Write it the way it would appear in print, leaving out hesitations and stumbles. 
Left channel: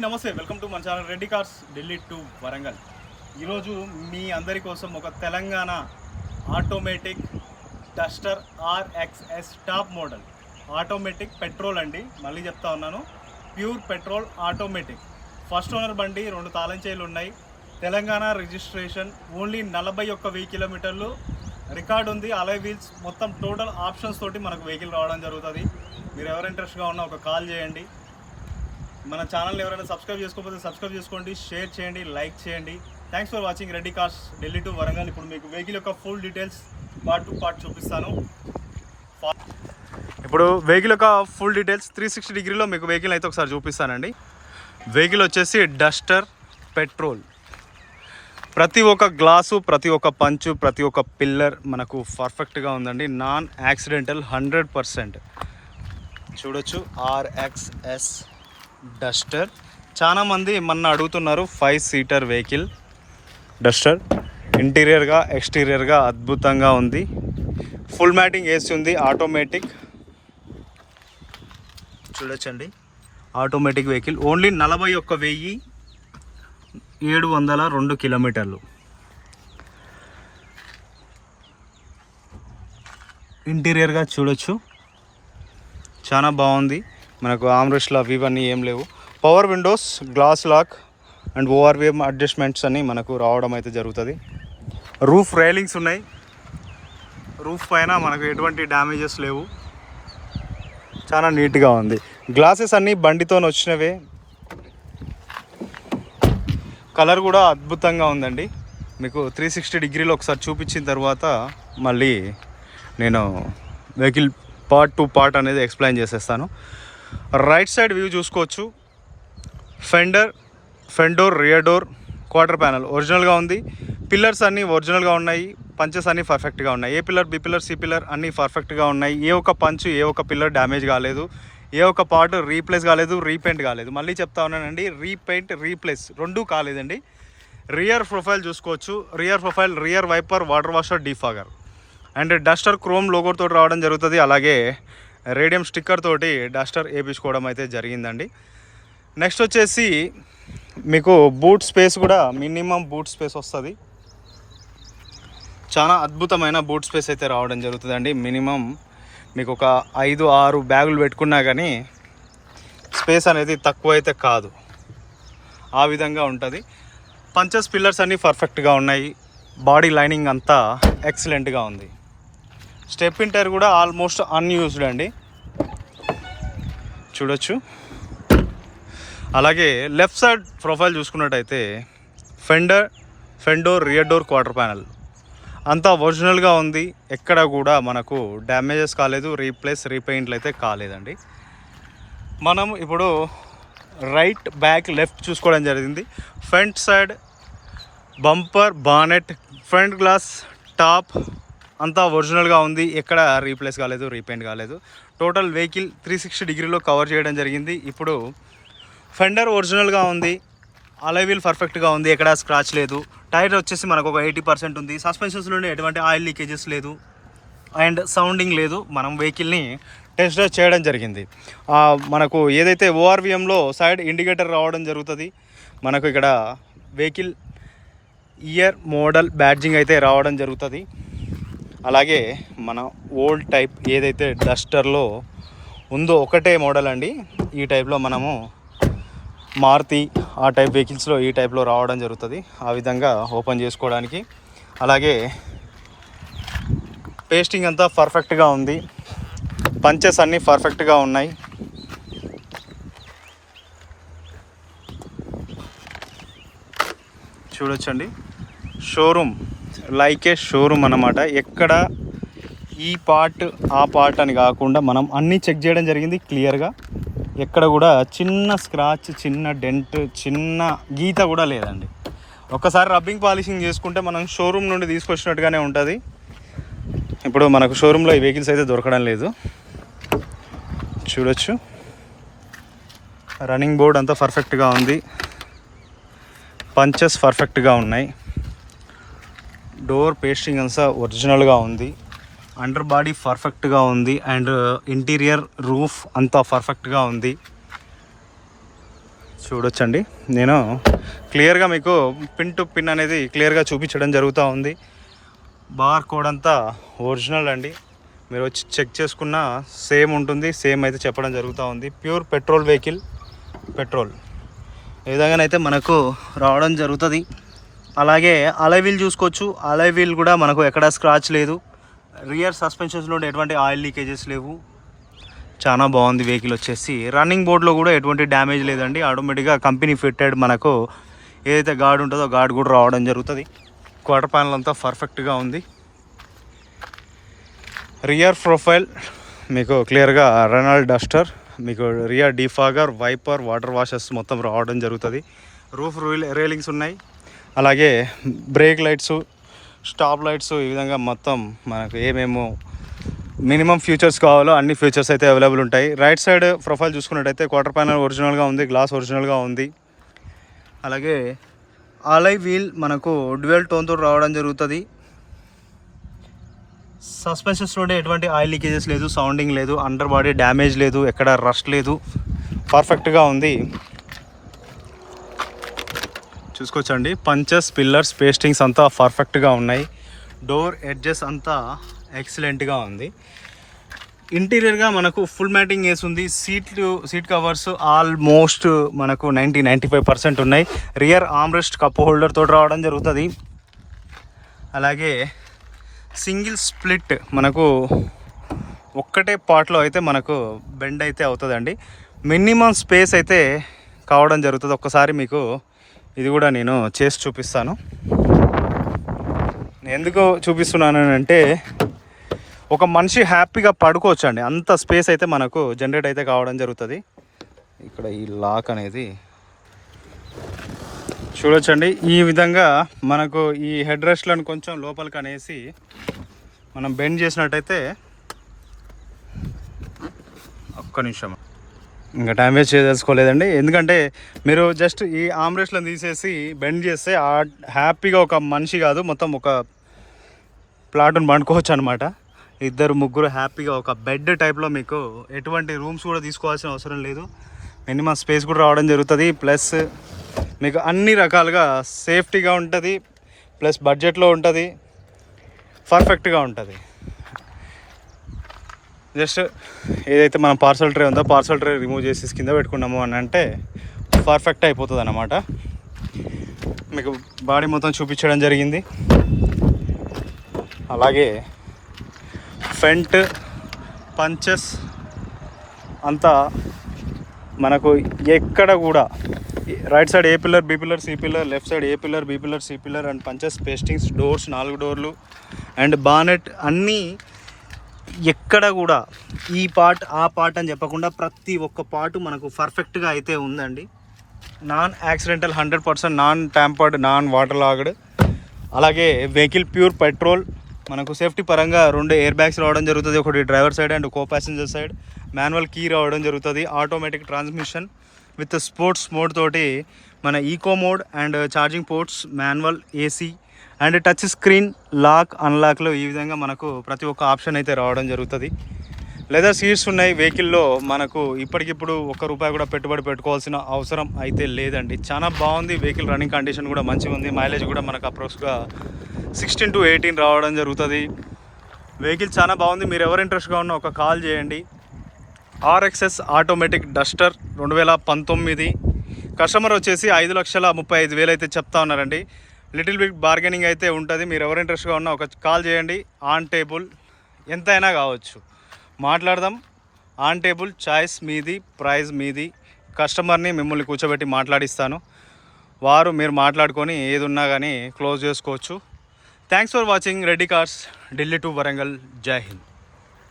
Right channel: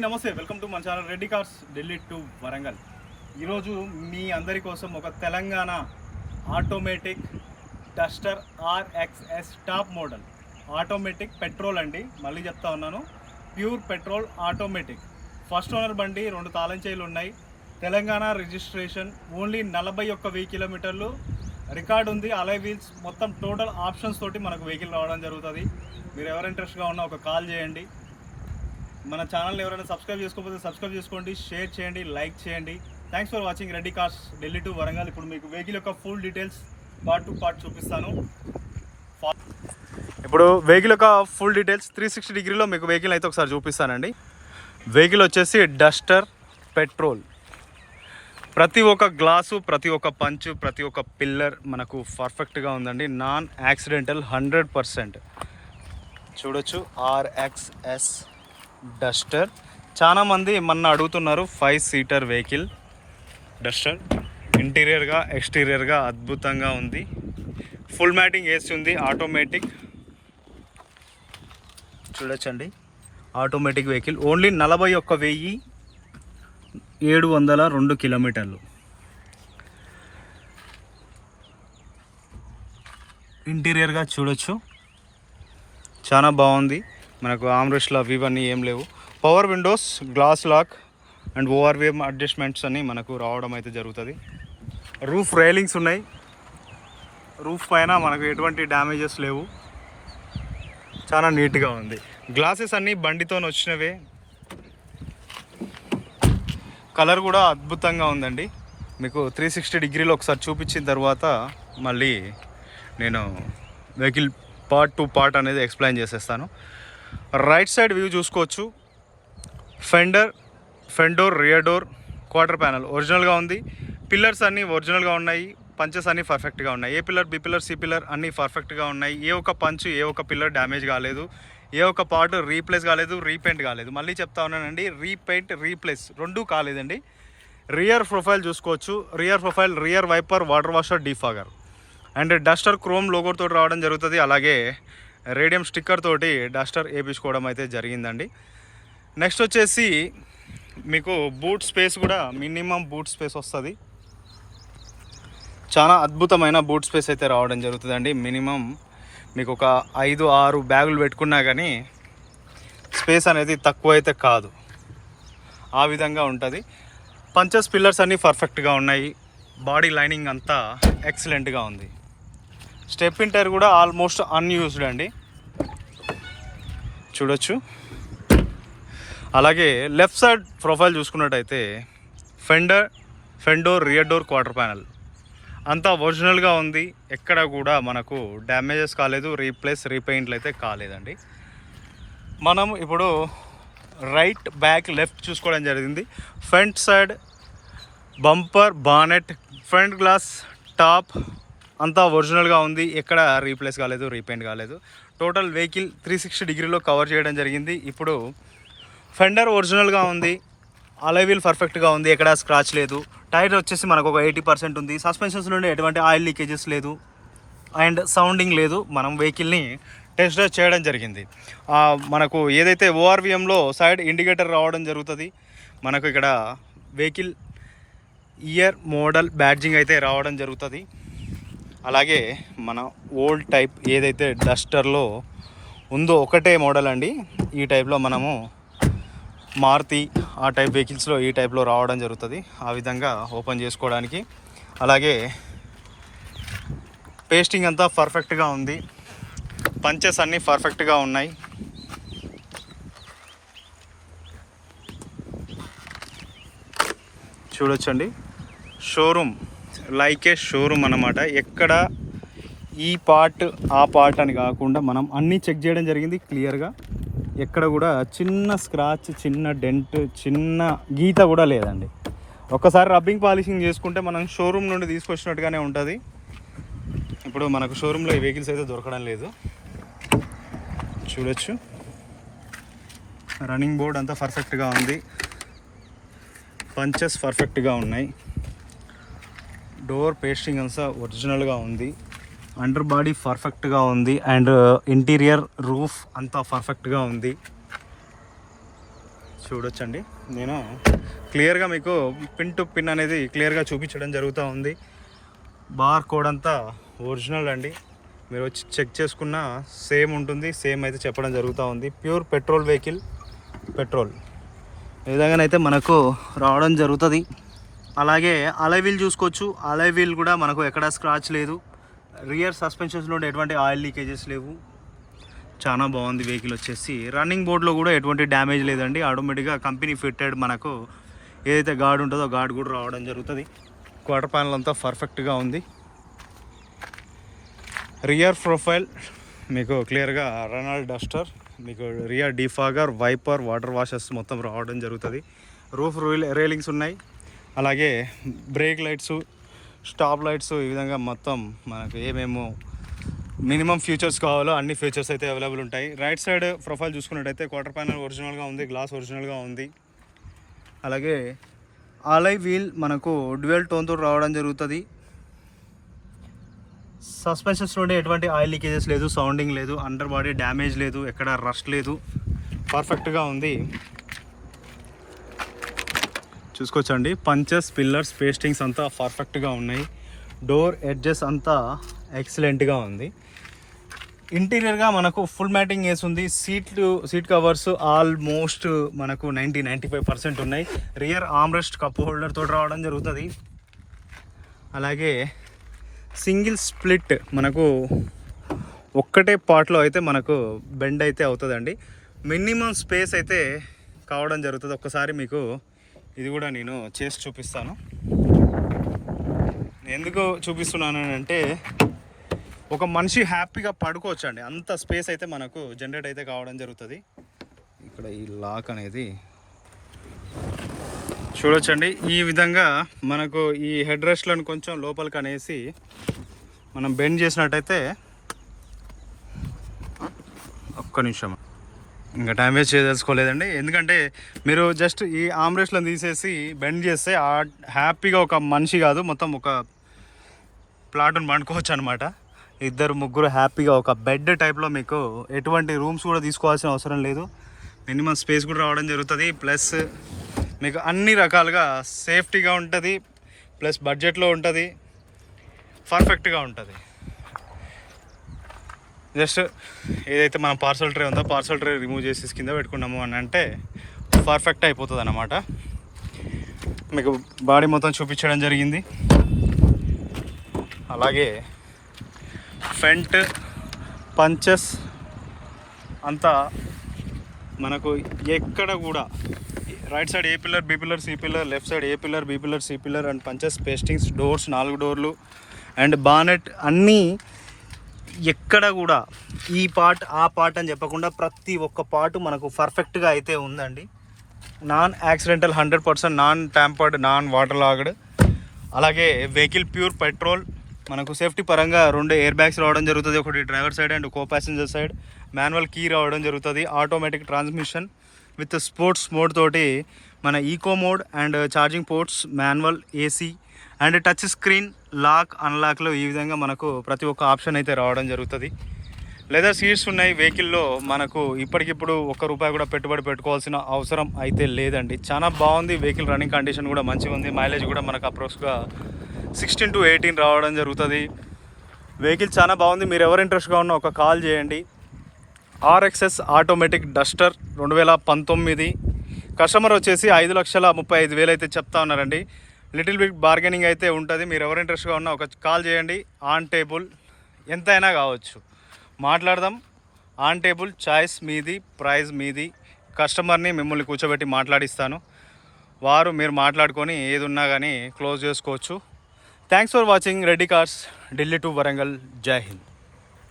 నమస్తే, welcome to మన channel Reddy cars Delhi to Warangal. ఈరోజు మీ అందరి కోసం ఒక Telangana automatic Duster RXS top model automatic petrol అండి. మళ్ళీ చెప్తా ఉన్నాను, pure petrol automatic. First owner బండి, 2 తాళం చేయిలు ఉన్నాయి. తెలంగాణ రిజిస్ట్రేషన్, ఓన్లీ 41,000 కిలోమీటర్లు రికార్డ్ ఉంది. అలై వీల్స్ మొత్తం టోటల్ ఆప్షన్స్ తోటి మనకు వెహికల్ రావడం జరుగుతుంది. మీరు ఎవరు ఇంట్రెస్ట్గా ఉన్నా ఒక కాల్ చేయండి. మన ఛానల్ ఎవరైనా సబ్స్క్రైబ్ చేసుకోకపోతే సబ్స్క్రైబ్ చేసుకోండి, షేర్ చేయండి, లైక్ చేయండి. Thanks for watching Reddy cars Delhi to Warangal. ఇప్పుడు మీకు వెహికల్ యొక్క full details part to part చూపిస్తాను. ఇప్పుడు వెహికల్ యొక్క ఫుల్ డీటెయిల్స్ 360 డిగ్రీలో మీకు వెహికల్ అయితే ఒకసారి చూపిస్తానండి. వెహికల్ వచ్చేసి డస్టర్ పెట్రోల్. ప్రతి ఒక్క గ్లాసు, ప్రతి ఒక్క పంచు, ప్రతి ఒక్క పిల్లర్ మనకు పర్ఫెక్ట్గా ఉందండి. Non accidental 100%. చూడొచ్చు RXS డస్టర్. చాలామంది మొన్న అడుగుతున్నారు 5 సీటర్ వెహికల్ డస్టర్. ఇంటీరియర్గా ఎక్స్టీరియర్గా అద్భుతంగా ఉంది. ఫుల్ మ్యాటింగ్ వేసి ఉంది. ఆటోమేటిక్ చూడొచ్చండి, ఆటోమేటిక్ వెహికల్. ఓన్లీ 41,702 కిలోమీటర్లు. ఇంటీరియర్గా చూడొచ్చు, చాలా బాగుంది. మనకు ఆమ్రెస్ట్లు అవి ఇవన్నీ ఏం లేవు. Power windows, glass lock and ORVM adjustments అన్నీ మనకు రావడం అయితే జరుగుతుంది. రూఫ్ రైలింగ్స్ ఉన్నాయి. రూఫ్ పైన మనకు ఎటువంటి డ్యామేజెస్ లేవు. చాలా నీట్గా ఉంది. గ్లాసెస్ అన్నీ బండితో వచ్చినవే. కలర్ కూడా అద్భుతంగా ఉందండి. మీకు 360 డిగ్రీలో ఒకసారి చూపించిన తర్వాత మళ్ళీ నేను వెహికల్ పార్ట్ టు పార్ట్ అనేది ఎక్స్ప్లెయిన్ చేసేస్తాను. రైట్ సైడ్ వ్యూ చూసుకోవచ్చు. ఫెండోర్, రియర్ డోర్, క్వార్టర్ ప్యానల్ ఒరిజినల్గా ఉంది. పిల్లర్స్ అన్నీ ఒరిజినల్గా ఉన్నాయి. పంచెస్ అన్నీ పర్ఫెక్ట్గా ఉన్నాయి. A pillar, B pillar, C pillar అన్నీ పర్ఫెక్ట్గా ఉన్నాయి. ఏ ఒక్క పంచు, ఏ ఒక్క పిల్లర్ డ్యామేజ్ కాలేదు. ఏ ఒక్క పార్ట్ రీప్లేస్ కాలేదు, రీపెయింట్ కాలేదు. మళ్ళీ చెప్తా ఉన్నానండి, రీపెయింట్, రీప్లేస్ రెండూ కాలేదండి. రియర్ ప్రొఫైల్ చూసుకోవచ్చు. Rear profile, rear wiper, water washer, defogger and duster chrome లోగోతో రావడం జరుగుతుంది. అలాగే రేడియం స్టిక్కర్ తోటి డస్టర్ వేయించుకోవడం అయితే జరిగిందండి. నెక్స్ట్ వచ్చేసి మీకు బూట్ స్పేస్ కూడా మినిమం బూట్ స్పేస్ వస్తుంది. చాలా అద్భుతమైన బూట్ స్పేస్ అయితే రావడం జరుగుతుందండి. మినిమం మీకు ఒక 5-6 బ్యాగులు పెట్టుకున్నా కానీ స్పేస్ అనేది తక్కువ అయితే కాదు, ఆ విధంగా ఉంటుంది. పంచెస్, పిల్లర్స్ అన్నీ పర్ఫెక్ట్గా ఉన్నాయి. బాడీ లైనింగ్ అంతా ఎక్సలెంట్గా ఉంది. స్టెప్ ఇన్ టైర్ కూడా ఆల్మోస్ట్ అన్యూజ్డ్ అండి, చూడొచ్చు. అలాగే లెఫ్ట్ సైడ్ ప్రొఫైల్ చూసుకున్నట్టయితే ఫెండోర్, రియర్ డోర్, క్వార్టర్ ప్యానల్ అంతా ఒరిజినల్గా ఉంది. ఎక్కడ కూడా మనకు డ్యామేజెస్ కాలేదు, రీప్లేస్, రీపెయింట్లు అయితే కాలేదండి. మనం ఇప్పుడు రైట్, బ్యాక్, లెఫ్ట్ చూసుకోవడం జరిగింది. Front side bumper, bonnet, front glass, top అంతా ఒరిజినల్గా ఉంది. ఎక్కడ రీప్లేస్ కాలేదు, రీపెయింట్ కాలేదు. టోటల్ వెహికల్ 360 డిగ్రీలో కవర్ చేయడం జరిగింది. ఇప్పుడు ఫెండర్ ఒరిజినల్గా ఉంది. అలై వీల్ పర్ఫెక్ట్గా ఉంది, ఎక్కడ స్క్రాచ్ లేదు. టైర్ వచ్చేసి మనకు ఒక 80% ఉంది. సస్పెన్షన్స్ నుండి ఎటువంటి ఆయిల్ లీకేజెస్ లేదు అండ్ సౌండింగ్ లేదు. మనం వెహికల్ని టెస్ట్ డ్రైవ్ చేయడం జరిగింది. మనకు ఏదైతే ఓఆర్వీఎంలో సైడ్ ఇండికేటర్ రావడం జరుగుతుంది. మనకు ఇక్కడ వెహికల్ ఇయర్ మోడల్ బ్యాడ్జింగ్ అయితే రావడం జరుగుతుంది. అలాగే మన ఓల్డ్ టైప్ ఏదైతే డస్టర్లో ఉందో ఒకటే మోడల్ అండి. ఈ టైప్లో మనము మారుతి ఆ టైప్ వెహికల్స్లో ఈ టైప్లో రావడం జరుగుతుంది. ఆ విధంగా ఓపెన్ చేసుకోవడానికి. అలాగే పేస్టింగ్ అంతా పర్ఫెక్ట్గా ఉంది. పంచెస్ అన్నీ పర్ఫెక్ట్గా ఉన్నాయి. చూడొచ్చండి, షోరూమ్ లైక్ ఏ షోరూమ్ అన్నమాట. ఎక్కడ ఈ పార్ట్ ఆ పార్ట్ అని కాకుండా మనం అన్నీ చెక్ చేయడం జరిగింది క్లియర్గా. ఎక్కడ కూడా చిన్న స్క్రాచ్, చిన్న డెంట్, చిన్న గీత కూడా లేదండి. ఒక్కసారి రబ్బింగ్ పాలిషింగ్ చేసుకుంటే మనం షోరూమ్ నుండి తీసుకొచ్చినట్టుగానే ఉంటుంది. ఇప్పుడు మనకు షోరూంలో ఈ వెహికల్స్ అయితే దొరకడం లేదు. చూడొచ్చు, రన్నింగ్ బోర్డ్ అంతా పర్ఫెక్ట్గా ఉంది. పంచెస్ పర్ఫెక్ట్గా ఉన్నాయి. డోర్ పేస్టింగ్ అంతా ఒరిజినల్గా ఉంది. అండర్ బాడీ పర్ఫెక్ట్గా ఉంది అండ్ ఇంటీరియర్ రూఫ్ అంతా పర్ఫెక్ట్గా ఉంది. చూడొచ్చండి, నేను క్లియర్గా మీకు పిన్ టు పిన్ అనేది క్లియర్గా చూపించడం జరుగుతూ ఉంది. బార్ కోడ్ అంతా ఒరిజినల్ అండి, మీరు వచ్చి చెక్ చేసుకున్న సేమ్ ఉంటుంది, సేమ్ అయితే చెప్పడం జరుగుతూ ఉంది. ప్యూర్ పెట్రోల్ వెహికల్, పెట్రోల్ ఏ విధంగానైతే మనకు రావడం జరుగుతుంది. అలాగే అలై వీల్ చూసుకోవచ్చు, అలై వీల్ కూడా మనకు ఎక్కడ స్క్రాచ్ లేదు. రియర్ సస్పెన్షన్స్లో ఎటువంటి ఆయిల్ లీకేజెస్ లేవు. చాలా బాగుంది వెహికల్ వచ్చేసి. రన్నింగ్ బోర్డ్లో కూడా ఎటువంటి డ్యామేజ్ లేదండి. ఆటోమేటిక్గా కంపెనీ ఫిట్టెడ్ మనకు ఏదైతే గార్డ్ ఉంటుందో గార్డ్ కూడా రావడం జరుగుతుంది. క్వార్టర్ ప్యానల్ అంతా పర్ఫెక్ట్గా ఉంది. రియర్ ప్రొఫైల్ మీకు క్లియర్గా రెనాల్డ్ డస్టర్, మీకు rear defogger, wiper, water washers మొత్తం రావడం జరుగుతుంది. రూఫ్ రైలింగ్స్ ఉన్నాయి. అలాగే బ్రేక్ లైట్స్, స్టాప్ లైట్స్, ఈ విధంగా మొత్తం మనకు ఏమేమో మినిమం ఫీచర్స్ కావాలో అన్ని ఫీచర్స్ అయితే అవైలబుల్ ఉంటాయి. రైట్ సైడ్ ప్రొఫైల్ చూసుకున్నట్టయితే క్వార్టర్ ప్యానల్ ఒరిజినల్గా ఉంది, గ్లాస్ ఒరిజినల్గా ఉంది. అలాగే అలై వీల్ మనకు డ్యూయల్ టోన్తో రావడం జరుగుతుంది. సస్పెన్షన్స్లోనే ఎటువంటి ఆయిల్ లీకేజెస్ లేదు, సౌండింగ్ లేదు, అండర్ బాడీ డ్యామేజ్ లేదు, ఎక్కడ రస్ట్ లేదు, పర్ఫెక్ట్గా ఉంది. చూసుకోవచ్చండి, పంచెస్, పిల్లర్స్, పేస్టింగ్స్ అంతా పర్ఫెక్ట్గా ఉన్నాయి. డోర్ ఎడ్జెస్ అంతా ఎక్సలెంట్గా ఉంది. ఇంటీరియర్గా మనకు ఫుల్ మ్యాటింగ్ వేసి ఉంది. సీట్ కవర్స్ ఆల్మోస్ట్ మనకు 95% ఉన్నాయి. రియర్ ఆర్మ్రెస్ట్ కప్ హోల్డర్ తోటి రావడం జరుగుతుంది. అలాగే సింగిల్ స్ప్లిట్ మనకు ఒక్కటే పార్ట్లో అయితే మనకు బెండ్ అయితే అవుతుందండి. మినిమం స్పేస్ అయితే కావడం జరుగుతుంది. ఒక్కసారి మీకు ఇది కూడా నేను చేసి చూపిస్తాను. ఎందుకు చూపిస్తున్నాను అంటే ఒక మనిషి హ్యాపీగా పడుకోవచ్చు అండి, అంత స్పేస్ అయితే మనకు జనరేట్ అయితే కావడం జరుగుతుంది. ఇక్కడ ఈ లాక్ అనేది చూడొచ్చండి. ఈ విధంగా మనకు ఈ హెడ్ రెస్ట్లను కొంచెం లోపలికి అనేసి మనం బెండ్ చేసినట్టయితే, ఒక్క నిమిషం, ఇంకా టైం వేస్ట్ చేయదలుచుకోలేదండి. ఎందుకంటే మీరు జస్ట్ ఈ ఆమ్రెస్ట్లను తీసేసి బెండ్ చేస్తే హ్యాపీగా ఒక మనిషి కాదు మొత్తం ఒక ప్లాట్ను పండుకోవచ్చు అనమాట. 2-3 హ్యాపీగా ఒక బెడ్ టైప్లో మీకు ఎటువంటి రూమ్స్ కూడా తీసుకోవాల్సిన అవసరం లేదు. మినిమం స్పేస్ కూడా రావడం జరుగుతుంది. ప్లస్ మీకు అన్ని రకాలుగా సేఫ్టీగా ఉంటుంది, ప్లస్ బడ్జెట్లో ఉంటుంది, పర్ఫెక్ట్గా ఉంటుంది. జస్ట్ ఏదైతే మనం పార్సల్ ట్రే ఉందో పార్సల్ ట్రే రిమూవ్ చేసి కింద పెట్టుకున్నాము అని అంటే పర్ఫెక్ట్ అయిపోతుంది అన్నమాట. మీకు బాడీ మొత్తం చూపించడం జరిగింది. అలాగే ఫ్రంట్ పంచెస్ అంతా మనకు ఎక్కడ కూడా right side A pillar, B pillar, C pillar, left side A pillar, B pillar, C pillar and punches, pastings, doors 4 డోర్లు అండ్ బానెట్ అన్నీ ఎక్కడ కూడా ఈ పార్ట్ ఆ పార్ట్ అని చెప్పకుండా ప్రతి ఒక్క పార్ట్ మనకు పర్ఫెక్ట్గా అయితే ఉందండి. Non accidental, 100% non tampered, non water logged. అలాగే వెహికల్ ప్యూర్ పెట్రోల్. మనకు సేఫ్టీ పరంగా 2 ఎయిర్ బ్యాగ్స్ రావడం జరుగుతుంది. ఒకటి driver side and co passenger side. Manual key రావడం జరుగుతుంది. Automatic transmission with sports mode తోటి మన eco mode and charging ports, manual, AC and touch screen, lock, అన్లాక్లో ఈ విధంగా మనకు ప్రతి ఒక్క ఆప్షన్ అయితే రావడం జరుగుతుంది. లెదర్ సీట్స్ ఉన్నాయి వెహికల్లో. మనకు ఇప్పటికిప్పుడు ₹1 కూడా పెట్టుబడి పెట్టుకోవాల్సిన అవసరం అయితే లేదండి. చాలా బాగుంది వెహికల్. రన్నింగ్ కండిషన్ కూడా మంచిగా ఉంది. మైలేజ్ కూడా మనకు అప్రోక్స్గా 16 to 18 రావడం జరుగుతుంది. వెహికల్ చాలా బాగుంది. మీరు ఎవరు ఇంట్రెస్ట్గా ఉన్నా ఒక కాల్ చేయండి. RXS automatic Duster 2019. కస్టమర్ వచ్చేసి 5,35,000 అయితే చెప్తా ఉన్నారండి. లిటిల్ బిట్ బార్గెనింగ్ అయితే ఉంటుంది. మీరు ఎవరు ఇంట్రెస్ట్గా ఉన్నా ఒక కాల్ చేయండి. ఆన్ టేబుల్ ఎంతైనా కావచ్చు, మాట్లాడదాం. ఆన్ టేబుల్, చాయిస్ మీది, ప్రైస్ మీది. కస్టమర్ని మిమ్మల్ని కూర్చోబెట్టి మాట్లాడిస్తాను. మీరు మాట్లాడుకొని ఏది ఉన్నా కానీ క్లోజ్ చేసుకోవచ్చు. Thanks for watching Reddy cars, Delhi to Warangal. జై హింద్.